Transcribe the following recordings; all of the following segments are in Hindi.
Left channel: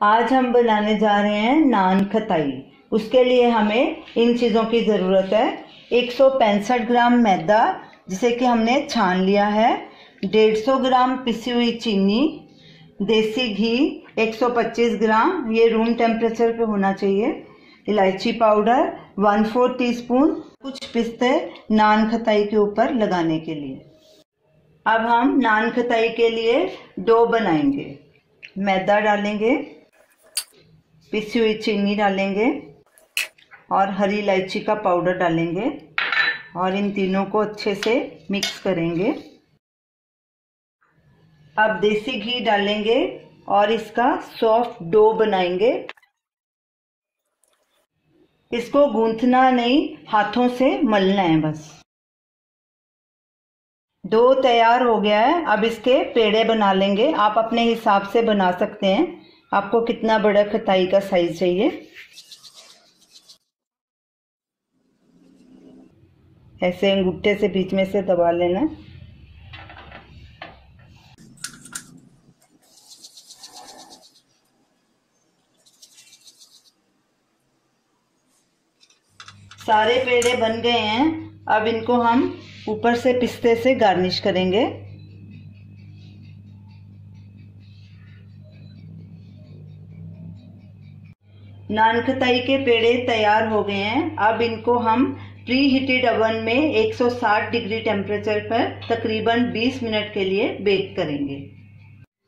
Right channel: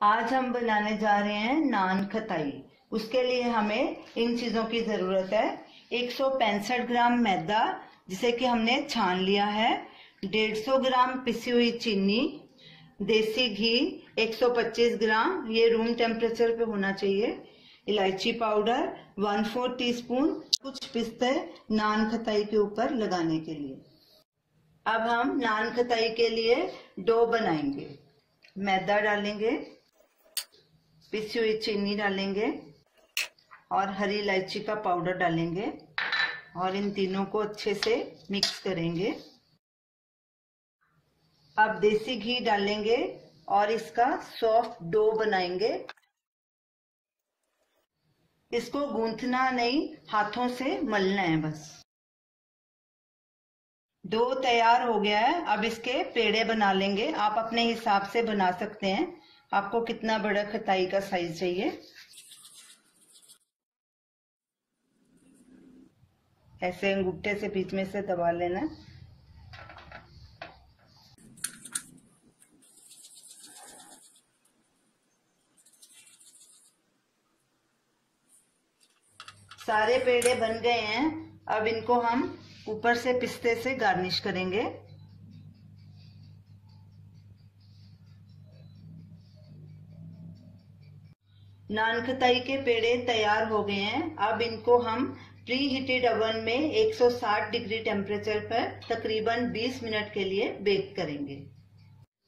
आज हम बनाने जा रहे हैं नान खताई। उसके लिए हमें इन चीज़ों की ज़रूरत है। 165 ग्राम मैदा जिसे कि हमने छान लिया है, 150 ग्राम पिसी हुई चीनी, देसी घी 125 ग्राम, ये रूम टेम्परेचर पे होना चाहिए, इलायची पाउडर 1/4 टीस्पून, कुछ पिस्ते नान खताई के ऊपर लगाने के लिए। अब हम नान खताई के लिए डो बनाएंगे। मैदा डालेंगे, पिसी हुई चीनी डालेंगे और हरी इलायची का पाउडर डालेंगे और इन तीनों को अच्छे से मिक्स करेंगे। अब देसी घी डालेंगे और इसका सॉफ्ट डो बनाएंगे। इसको गूंथना नहीं, हाथों से मलना है बस। डो तैयार हो गया है। अब इसके पेड़े बना लेंगे। आप अपने हिसाब से बना सकते हैं, आपको कितना बड़ा खताई का साइज चाहिए। ऐसे अंगूठे से बीच में से दबा लेना। सारे पेड़े बन गए हैं। अब इनको हम ऊपर से पिस्ते से गार्निश करेंगे। नान खताई के पेड़े तैयार हो गए हैं। अब इनको हम प्री हीटेड ओवन में 160 डिग्री टेम्परेचर पर तकरीबन 20 मिनट के लिए बेक करेंगे।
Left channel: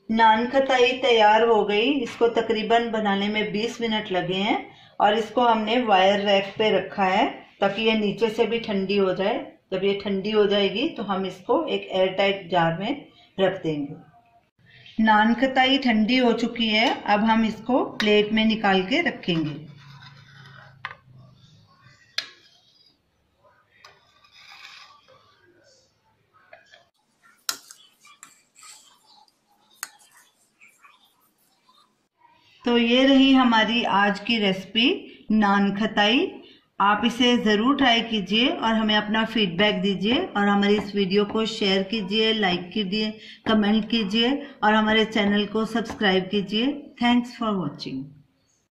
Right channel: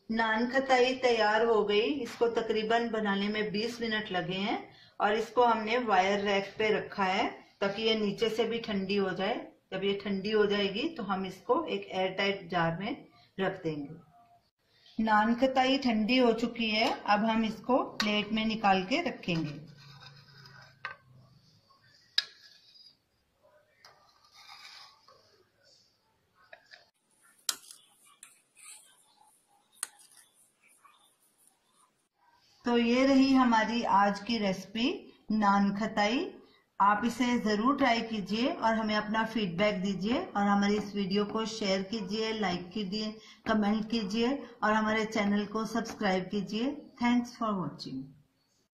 नान खताई तैयार हो गई। इसको तकरीबन बनाने में 20 मिनट लगे हैं और इसको हमने वायर रैक पे रखा है ताकि ये नीचे से भी ठंडी हो जाए। जब ये ठंडी हो जाएगी तो हम इसको एक एयर टाइट जार में रख देंगे। नान खताई ठंडी हो चुकी है। अब हम इसको प्लेट में निकाल के रखेंगे। तो ये रही हमारी आज की रेसिपी नान खताई। आप इसे ज़रूर ट्राई कीजिए और हमें अपना फीडबैक दीजिए और हमारी इस वीडियो को शेयर कीजिए, लाइक कीजिए, कमेंट कीजिए और हमारे चैनल को सब्सक्राइब कीजिए। Thanks for watching.